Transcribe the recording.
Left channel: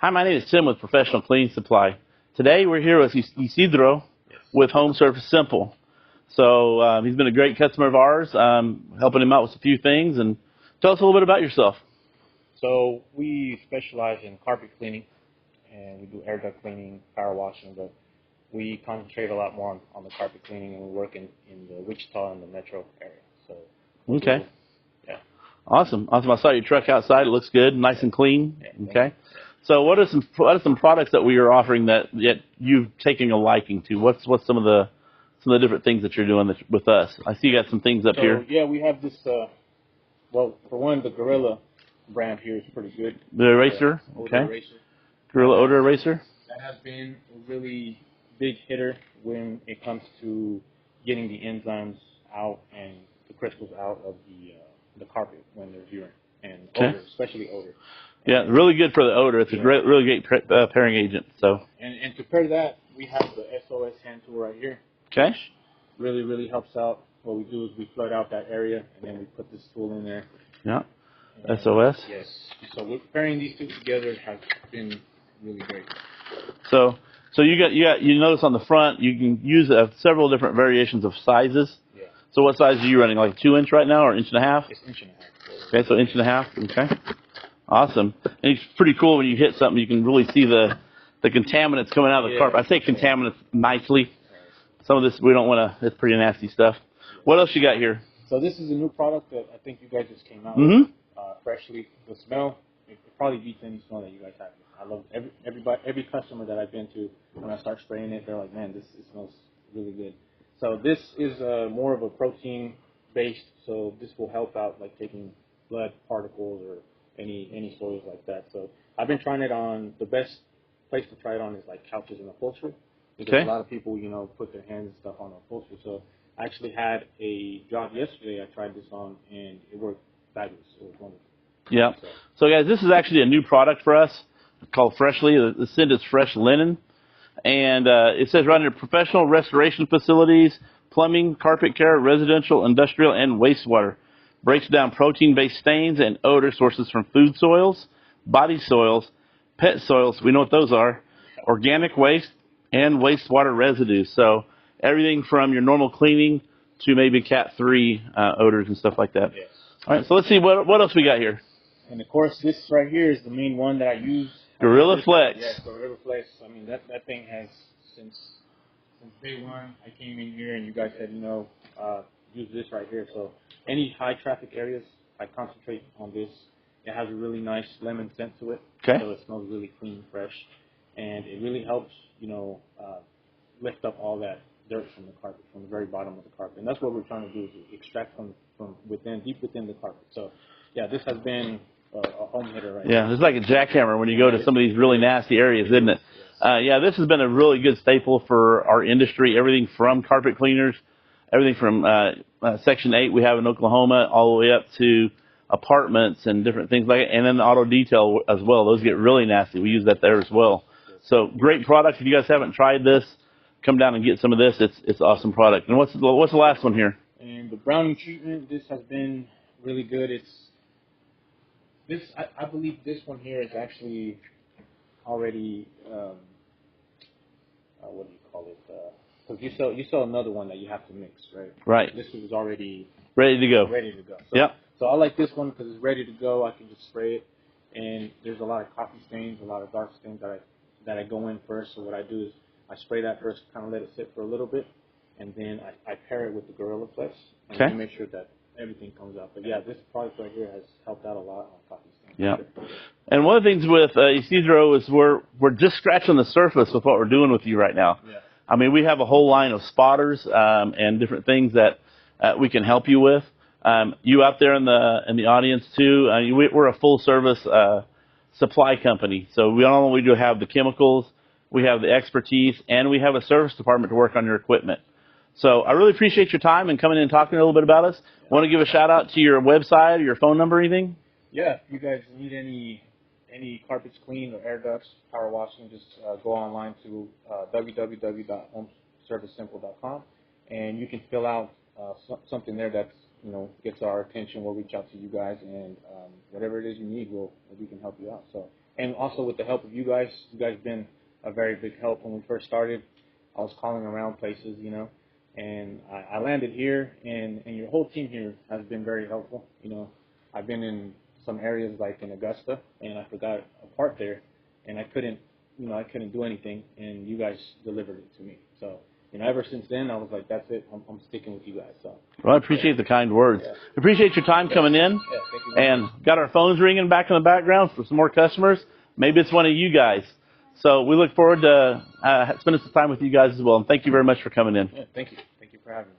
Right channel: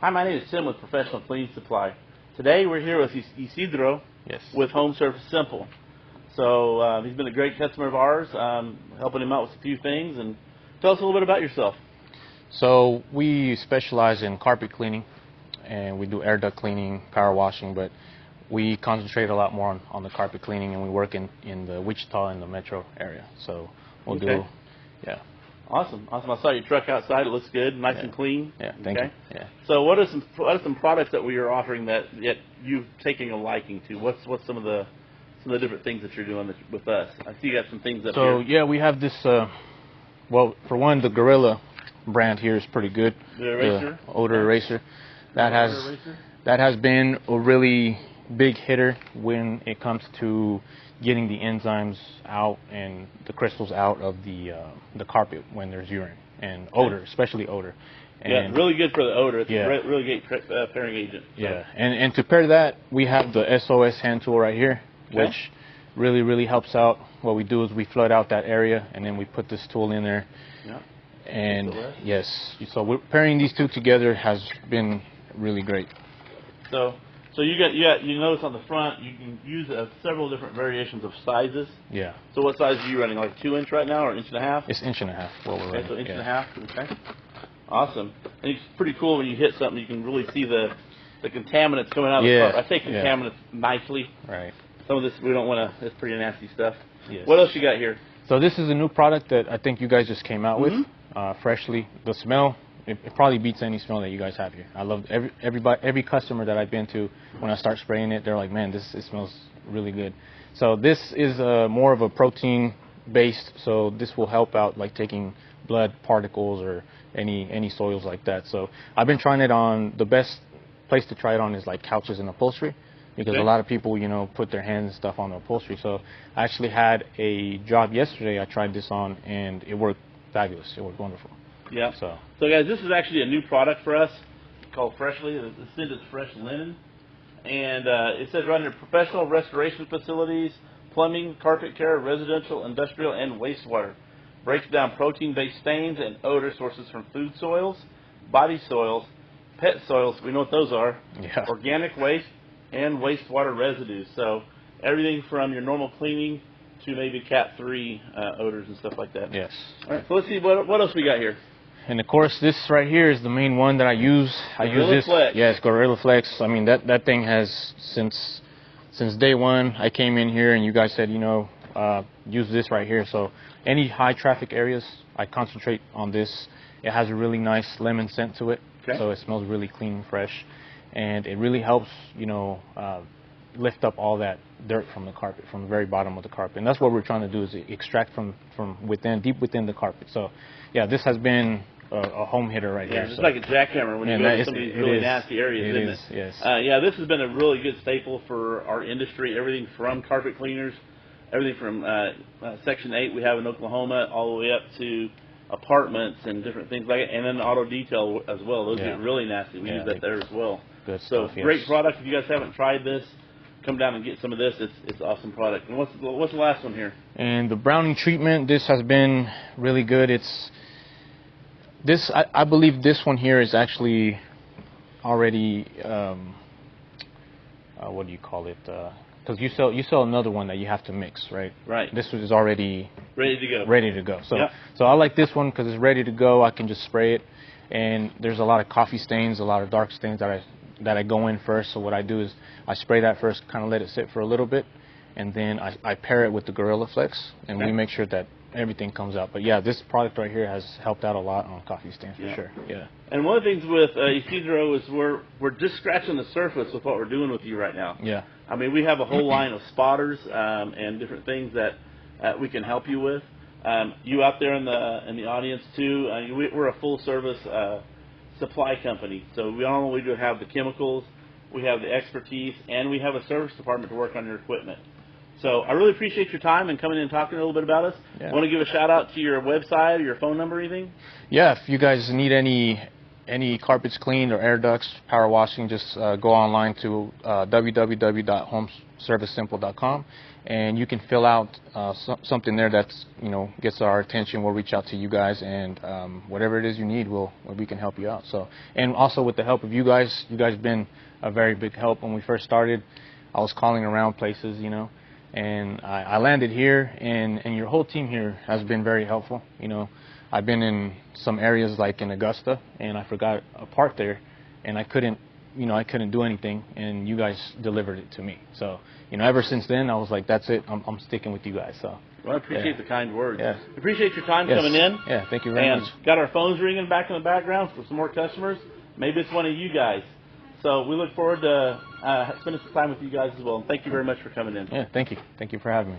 Hi, my name is Tim with Professional Cleaning Supply. Today we're here with Isidro Yes. with Home Service Simple. So he's been a great customer of ours, helping him out with a few things. And tell us a little bit about yourself. So we specialize in carpet cleaning, and we do air duct cleaning, power washing, but we concentrate a lot more on the carpet cleaning, and we work in the Wichita and the metro area. So we'll Okay. Yeah. Awesome. I saw your truck outside. It looks good, nice and clean. Yeah. Thank Okay. you. Yeah. So what are some products that we are offering that you've taken a liking to? What's some of the different things that you're doing with us? I see you got some things up here. So yeah, we have this. Well, for one, the Gorilla brand here is pretty good. The eraser, the odor eraser. Gorilla odor eraser. That has been a really big hitter when it comes to getting the enzymes out and the crystals out of the carpet when there's urine and odor, especially odor. And yeah, really good for the odor. It's a really great pairing agent. So. Yeah, and to pair that, we have the SOS hand tool right here, which really helps out. What we do is we flood out that area, and then we put this tool in there. Yeah. And SOS. Yes. So we're pairing these two together has been really great. So you notice on the front you can use several different variations of sizes. Yeah. So what size are you running? Like 2 inch right now, or 1.5 inches? It's 1.5 inches. Okay, so 1.5 inches. Okay. Awesome. And it's pretty cool when you hit something, you can really see the contaminants coming out of the carpet. I say contaminants nicely. Right. Some of this we don't want to. It's pretty nasty stuff. Yes. What else you got here? So this is a new product that I think you guys just came out with, freshly. The smell, it probably beats any smell that you guys have here. I love every customer that I've been to. When I start spraying it, they're like, man, it smells really good. So this is more of a protein based. So this will help out like taking blood particles or any soils like that. So I've been trying it on. The best place to try it on is like couches and upholstery, because a lot of people, put their hands and stuff on the upholstery. So I actually had a job yesterday. I tried this on, and it worked fabulous. It worked wonderful. Yeah. So guys, this is actually a new product for us called Freshly. The scent is Fresh Linen, and it says right here: professional restoration facilities, plumbing, carpet care, residential, industrial, and wastewater. Breaks down protein-based stains and odor sources from food soils, body soils, pet soils. We know what those are. Yeah. Organic waste and wastewater residues. So everything from your normal cleaning to maybe Cat 3 odors and stuff like that. Yes. All right, so let's see what else we got here. And of course, this right here is the main one that I use. Gorilla Flex. Yes, Gorilla Flex. I mean, that thing has since day one. I came in here and you guys said, use this right here. So any high traffic areas, I concentrate on this. It has a really nice lemon scent to it. Okay. So it smells really clean and fresh, and it really helps, lift up all that dirt from the carpet, from the very bottom of the carpet. And that's what we're trying to do, is extract from within, deep within the carpet. So yeah, this has been a home hitter right here. Yeah, it's like a jackhammer when you go to some of these really nasty areas, isn't it? Yes. Yeah, this has been a really good staple for our industry. Everything from carpet cleaners, everything from Section 8 we have in Oklahoma, all the way up to apartments and different things like that, and then the auto detail as well. Those get really nasty. We use that there as well. So great product. If you guys haven't tried this, come down and get some of this. It's awesome product. And what's the last one here? And the browning treatment, this has been really good. I believe this one here is actually already what do you call it? Because you sell another one that you have to mix, right? Right. This is already ready to go. Ready to go. So I like this one because it's ready to go. I can just spray it, and there's a lot of coffee stains, a lot of dark stains that I go in first. So what I do is I spray that first, kind of let it sit for a little bit, and then I pair it with the Gorilla Flex, and we make sure that everything comes out. But yeah, this product right here has helped out a lot on coffee stains for sure. Yeah. And one of the things with Isidro is we're just scratching the surface with what we're doing with you right now. Yeah. I mean, we have a whole line of spotters and different things that we can help you with. You out there in the audience too. We're a full service supply company, so we not only do have the chemicals, we have the expertise, and we have a service department to work on your equipment. So I really appreciate your time and coming in and talking a little bit about us. Yeah. Want to give a shout out to your website or your phone number or anything? Yeah, if you guys need any carpets cleaned or air ducts, power washing, just go online to www.homeservicesimple.com, and you can fill out something there that's, you know, gets our attention. We'll reach out to you guys, and whatever it is you need, we can help you out. So, and also with the help of you guys been a very big help. When we first started, I was calling around places, you know, and I landed here, and your whole team here has been very helpful. You know, I've been in some areas like in Augusta, and I forgot a part there, and I couldn't do anything, and you guys delivered it to me. So, you know, ever since then, I was like, that's it. I'm sticking with you guys. So. Well, I appreciate the kind words. Yeah. Appreciate your time coming in. Yeah, thank you very and much. Got our phones ringing back in the background for some more customers. Maybe it's one of you guys. So we look forward to spending some time with you guys as well. And thank you very much for coming in. Yeah, thank you. Thank you for having me.